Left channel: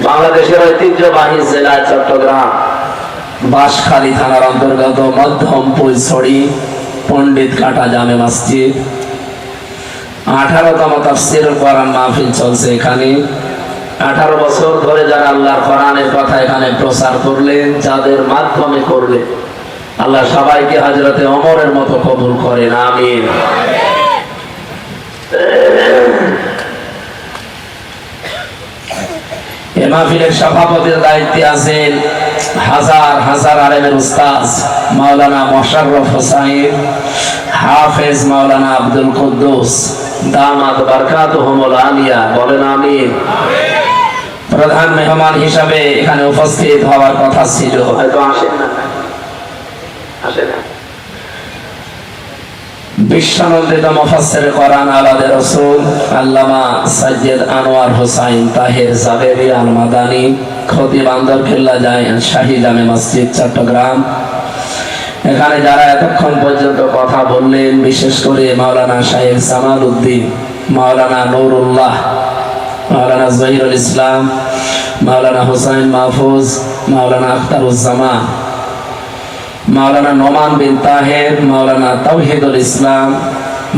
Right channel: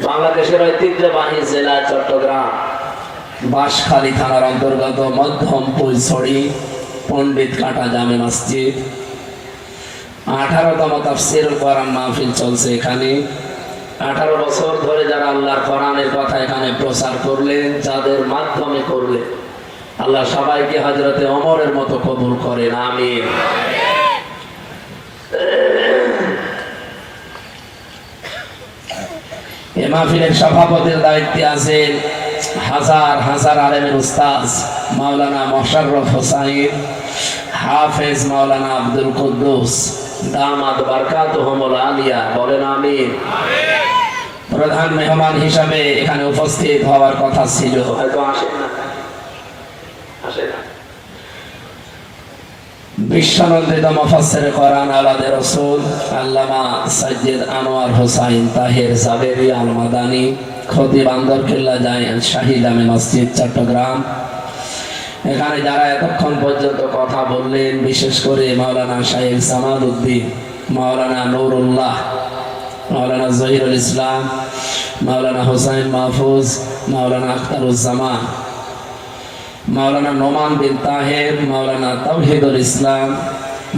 বাংলাদেশের ঐতিহ্যবাহী জেলা চট্টগ্রাম। বাঁশখালী থানার অন্তর্গত মধ্যম পুলছড়ি পণ্ডিত কাটা জামে মসজিদ। আঠারোতম তাফসির কোরআন মাহফিল চলছে এখানে। আঠারো বছর ধরে যারা আল্লাহর কোরআনের কথা এখানে প্রচার করলেন, যাদের মাধ্যমে করলেন, আল্লাহ সবাইকে হাজরতে অমরের মতো কবুল করেন, আমিন। মাহফিলের সভাপতির দায়িত্বে আছেন হাজার হাজার আলেমের উস্তাজ মাওলানা মোশাররফ হোসাইন, হাফেজ মাওলানা আব্দুল কুদ্দুস, দামাত বারকাত হোমল আলিয়া, বলেন আমিন। প্রধান মেহমান হিসাবে এখানে উপস্থিত হওয়ার কথা ছিল। হয়তো আসেন না। আসে না। আল্লামা আনোয়ার তাহের মসজিদ, চট্টগ্রাম। এখানে যারা এতক্ষণ পর্যন্ত কথা বললেন, বিশেষ করে মাওলানা সাহেব সামাল উদ্দিন মাওলানা নুরুল্লাহ, মাওলানা জহিরুল ইসলাম, মাওলানা হোসাইন মাহফুজ, মাওলানা আখতারুজ্জামান মাওলানা নোমান বিন তাহের, মাওলানা তাওহিদুল ইসলাম,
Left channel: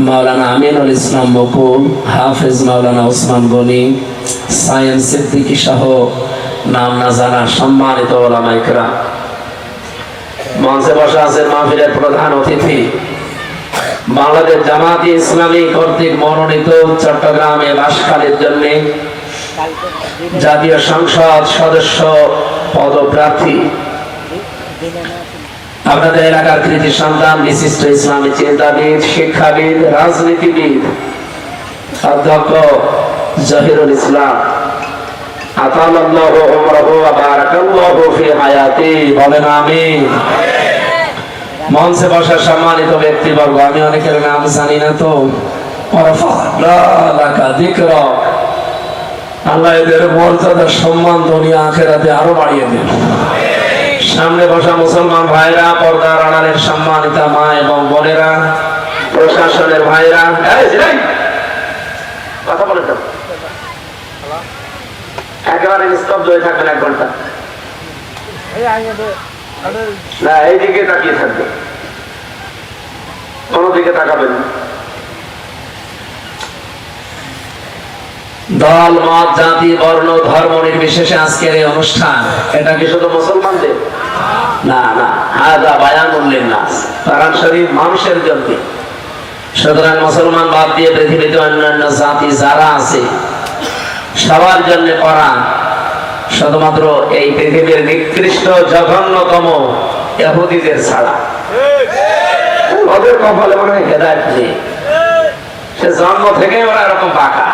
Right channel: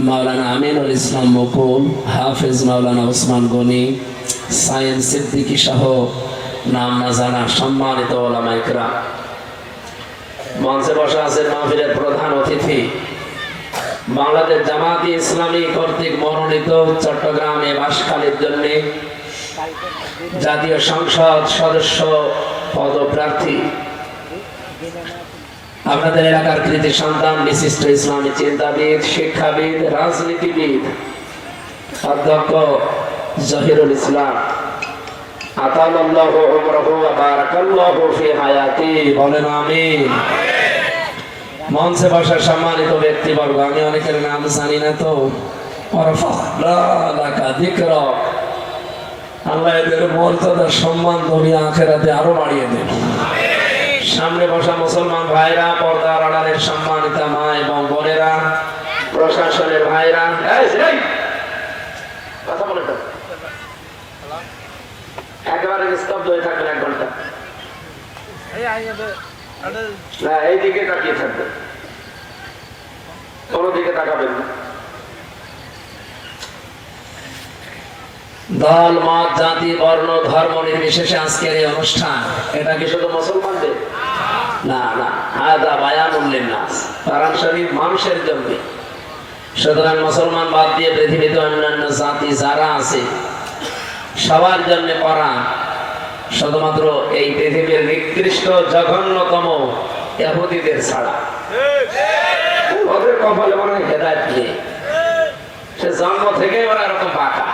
মাওলানা আমিনুল ইসলাম বকুল হাফেজ মাওলানা ওসমান গনি সায়েন্স সিদ্দিকী সহ নাম না জানা সম্মানিত ওলামাইকরা মঞ্চে বসে আছেন মাহফিলের প্রধান অতিথি, বাংলাদেশ জামাতি ইসলামী কর্তৃক মনোনীত চট্টগ্রামে বাসখালীর জন্য জাতীয় সংসদ সদস্য পদপ্রার্থী আপনাদের এলাকার কৃতি সন্তান, বিশিষ্ট ইসলামী চিন্তাবিদ, শিক্ষাবিদ, রাজনীতিবিদ, অধ্যক্ষ জহিরুল ইসলাম। মঞ্চে বসার সম্মানিত ব্যক্তিবর্গ, আমি অনেকের নাম জানি না তো। আল্লাহ এদের মর্যাদা সম্মান দুনিয়া আখেরাতে আরও বাড়িয়ে দেন সামনে বসা মুসলমান ভাইরা, পর্দার আড়ালের সম্মানিত মা এবং বোনেরা, প্রশাসনের ভাইরা। কথা বলে। একেবারে নিস্তব্ধ হয়ে থাকবেন এক ঘণ্টা। না এই দিকে তাকিয়ে থাকবেন। কোনো দিকে তাকাবেন না। দল, মত, জাতি, বর্ণ, ধর্ম নির্বিশেষে আজকের এই অনুষ্ঠান, এটা কি শুধু মুসলমানদের? না না হাজা বায়ান উল্লেন নাস কারণ শরীফ মানুষের জন্য। সুতরাং মুসলমান বাদ দিয়ে পৃথিবীতে অন্যান্য জাতি যারা আছে, সবার জন্য করা শুধুমাত্র এই পৃথিবীর নিকৃষ্ট জঘন্যতম ইহুদিদের ছাড়া। ওদের কপালে মনে হয় হেদায়ত নেই। সে জন্ম থেকে ওরা এরকম বাঁকা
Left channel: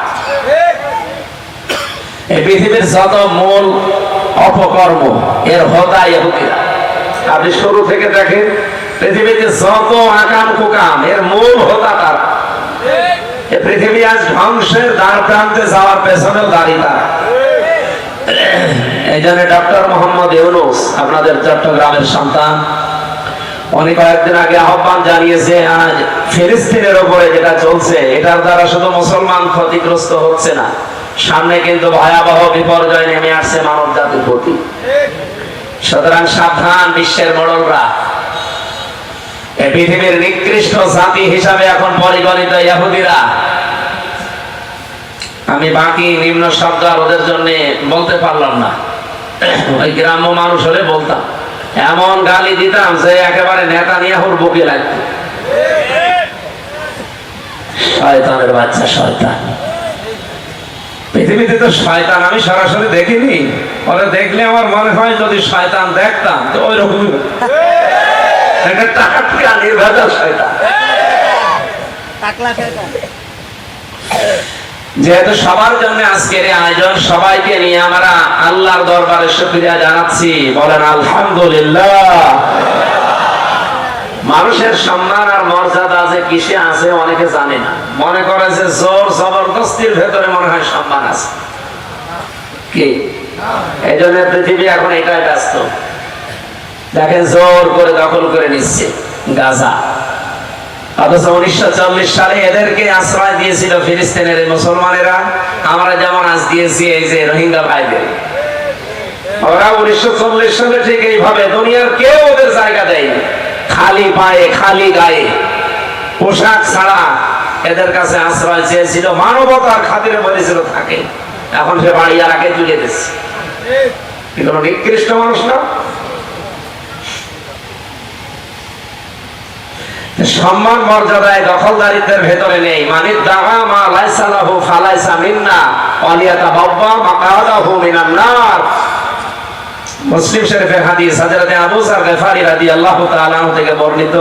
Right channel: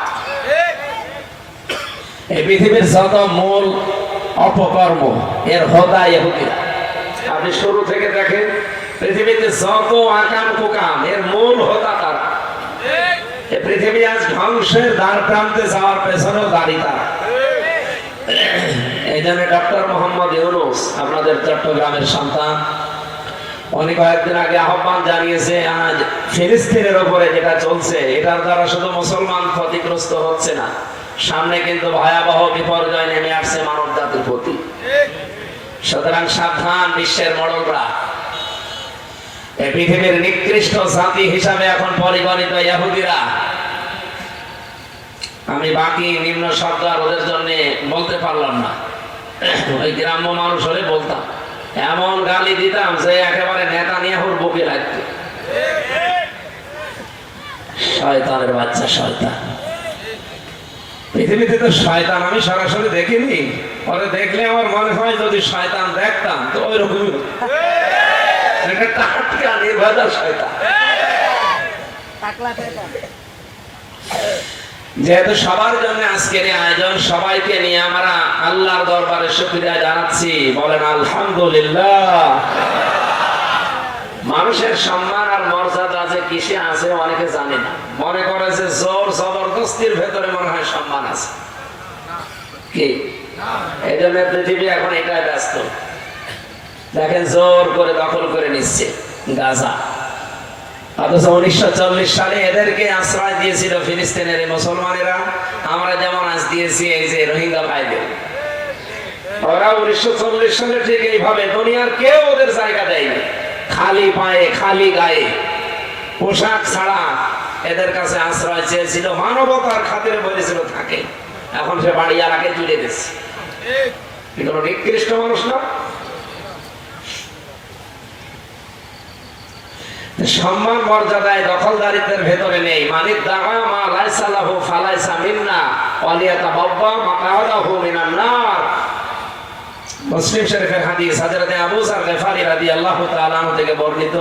পৃথিবীর যত মূল অপকর্ম, এর হোদা ইহুদিরা আপনি শুরু থেকে দেখেন, পৃথিবীতে যত আকাম কুকাম, এর মূল হোতা তারা। পৃথিবী আজ ধ্বংসের দ্বার প্রান্তে যাওয়ার পেছনেও দাঁড়িয়ে তারা। এই জন্য ডক্টর মোহাম্মদ ইউনুস, আপনাদের চট্টগ্রামের সন্তান, উনি কয়েকদিন আগে আহ্বান জানিয়েছে, আজ ফিলিস্তিনের উপরে যেটা চলছে, এটার দ্বারা শুধু মুসলমান ক্ষতিগ্রস্ত হচ্ছে না। সামনে কিন্তু ভয়াবহ বিপর্যয় নেমে আসছে মানব জাতির প্রতি। সুতরাং সাবধান বিশ্বের মোড়লরা। পৃথিবীর নিকৃষ্ট জাতি হিসাবে এখন পরিগণিত ইহুদিরা। আমি বাকি নিম্ন শব্দ আর ওদের জন্য বলতে পারলাম না। ওই গ্রাম্য মানুষ হলে বলতাম। এমন গালি দিতাম যে একেবারে নেতা নিয়ে হুর বুকে লাগতো। শয়তানের বাচ্চা, শয়তান। পৃথিবীতে তো শয়তান, আমি সরাসরি দেখিনি। ওরা দেখলে আমার মনে হয় যদি শয়তান দেখতাম, তো ওই রকম যেহেতু সবার জন্য আজকের আয়োজন, সবাইকে নিয়ে আমরা আল্লাহর দরবারে শুকরিয়া জানাচ্ছি। বলেন, আলহামদুলিল্লাহ। মানুষের সম্মান আর মর্যাদা যে কিসে আছে অনেকে জানে না। মনে করে যে জোর জবরদস্তির ভেতরে মনে হয় সম্মান আছে। কি? এই জন্য পৃথিবী এখন এটাই ব্যস্ত। দেখেন জোর করে দখল করে নিচ্ছে গাজা। অথচ উনিশশো চল্লিশ সালে এদেরকে আশ্রয় দিয়েছিল ফিলিস্তিনের এই মুসলমানেরা। আমরা যেমন আজ দিয়েছি এই যে রোহিঙ্গা ভাইদের। ওরা উনিশশো চল্লিশ সালে ঠিক এইভাবে দুনিয়ার কেউ ওদের জায়গা দেয়নি। খালি পায়ে, খালি গায়ে। পোশাক ছাড়া এদের কাছে আশ্রয় চেয়েছিল, মানবতার খাতিরে বলেছিল থাকে এখন সে বাড়ি আর আগে তুলে দিচ্ছে কি কোনো নিকৃষ্ট মানুষ না? সম্মান মর্যাদায় দখলদারিত্বের ভেতরে নেই। মানে দাগা মা লাইসা লাহু ফালাইসা মিন্না, অলিয়াতা বাব্বা মাকাদাহু মিনান নার মুসলিম শরীফের হাদিস হযরতে আবু যার গফারি রাদিয়াল্লাহু তাআলা থেকে বর্ণিত।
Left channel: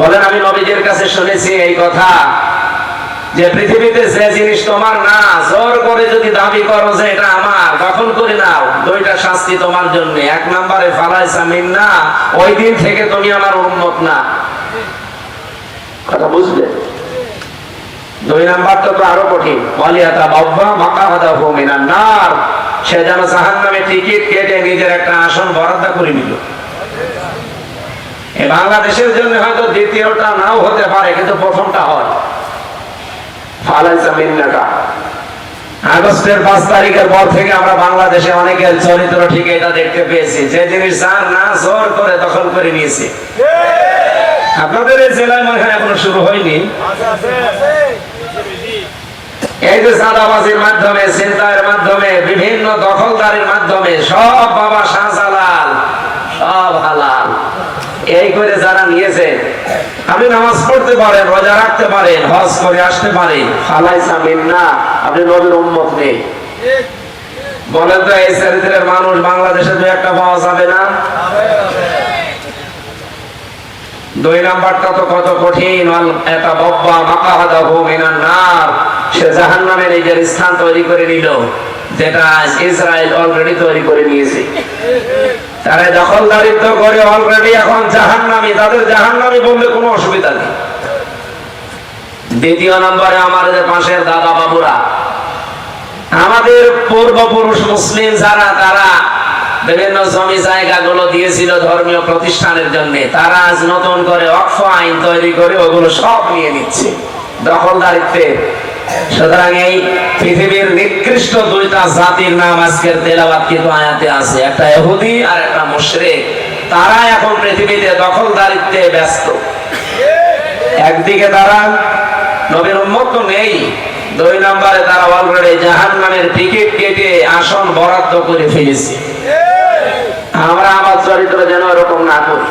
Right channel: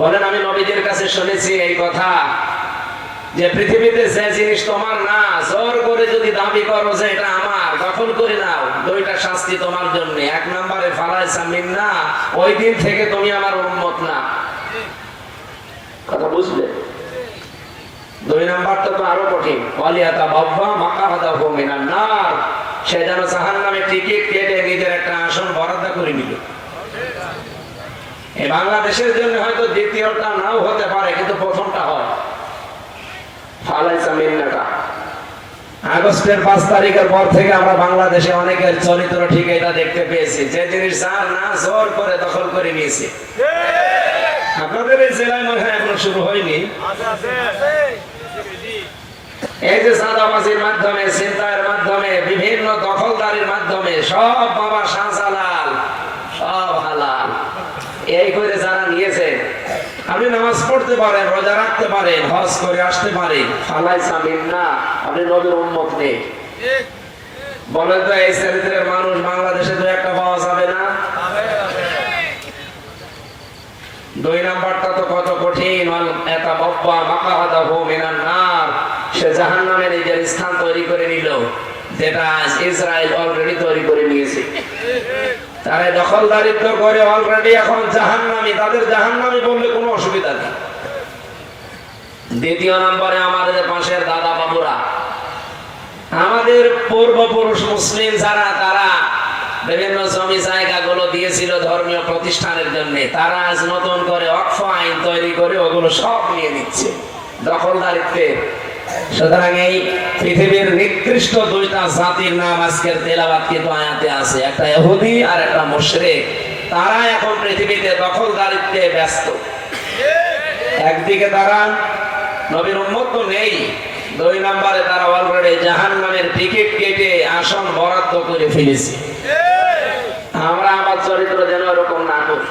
বলেন, আমি নবীজির কাছে শুনেছি এই কথা যে পৃথিবীতে যে জিনিস তোমার না, জোর করে যদি দাবি করো যে এটা আমার দখল করে নাও, দুইটা শাস্তি তোমার জন্য। এক নম্বরে, ফালাইসা মিন্না, ওই দিন থেকে তুমি আমার উম্মত না। কথা বুঝলে? দুই নাম্বারটা তো আরও কঠিন। ওয়ালিয়াতা বাব্বা মাকাহাদা মিনান নার। সে যেন জাহান্নামে টিকিট কেটে নিজের একটা আসন বরাদ্দ করে নিল। বাংলাদেশের জন্য হয়তো দ্বিতীয়টা নাও হতে পারে, কিন্তু প্রথমটা হয়। আগস্টের পাঁচ তারিখের পর থেকে আমরা বাংলাদেশে অনেকের চরিত্র ঠিক এটা দেখতে পেয়েছি। যে জিনিস যার না জোর করে দখল করে নিয়েছে। আপনাদের এই জেলায় মনে হয় এখনও শুরু হয়নি। আপনি নামাজ পড়তে পারেন, রোজা রাখতে পারেন, হজ করে আসতে পারেন। ফালাই সামিন না আপনি নবীর উম্মত নেই। বলেন তো, এই চরিত্রের মানুষ বাংলাদেশে দু একটা পাওয়া যাবে না? দুই নাম্বারটা তো কত কঠিন এটা বব্বা মাকাহাদাহু মিনান নার। সে জাহান্নামে নিজের স্থান তৈরি করে নিল, যেটা ইসরায়েল অলরেডি তৈরি করে নিয়েছে। তারা দখলদারিত্ব করে অলরেডি এখন জাহান্নামী, তাদের জাহান্নামী বললে কোনো অসুবিধা নেই। দ্বিতীয় নম্বরে আমাদের পাশের দাদা বাবুরা, আমাদের পূর্বপুরুষ মুসলিম যারা, তারা বিভিন্ন জমি জায়গাগুলো দিয়েছিল ধর্মীয় প্রতিষ্ঠানের জন্য। তারা আজ নতুন করে অক্ষ আইন তৈরি করে ওগুলো সব নিয়ে নিচ্ছে। দখলদারিত্বে সুতরাং এই পৃথিবীর নিকৃষ্ট দুইটা জাতির নাম আজকের তেলাবাদ কিন্তু আয়াতে আছে। একটা এহুদি আর একটা মুশরিক। তারা এখন পৃথিবীতে দখলদারিত্বে ব্যস্ত। একদিকে তারা নবীর নেই। দুই নম্বরে তারা অলরেডি জাহান নামের টিকিট কেটে আসন বরাদ্দ করে ফেলেছে। আমরা আমার চরিত্র যেন এরকম না করি।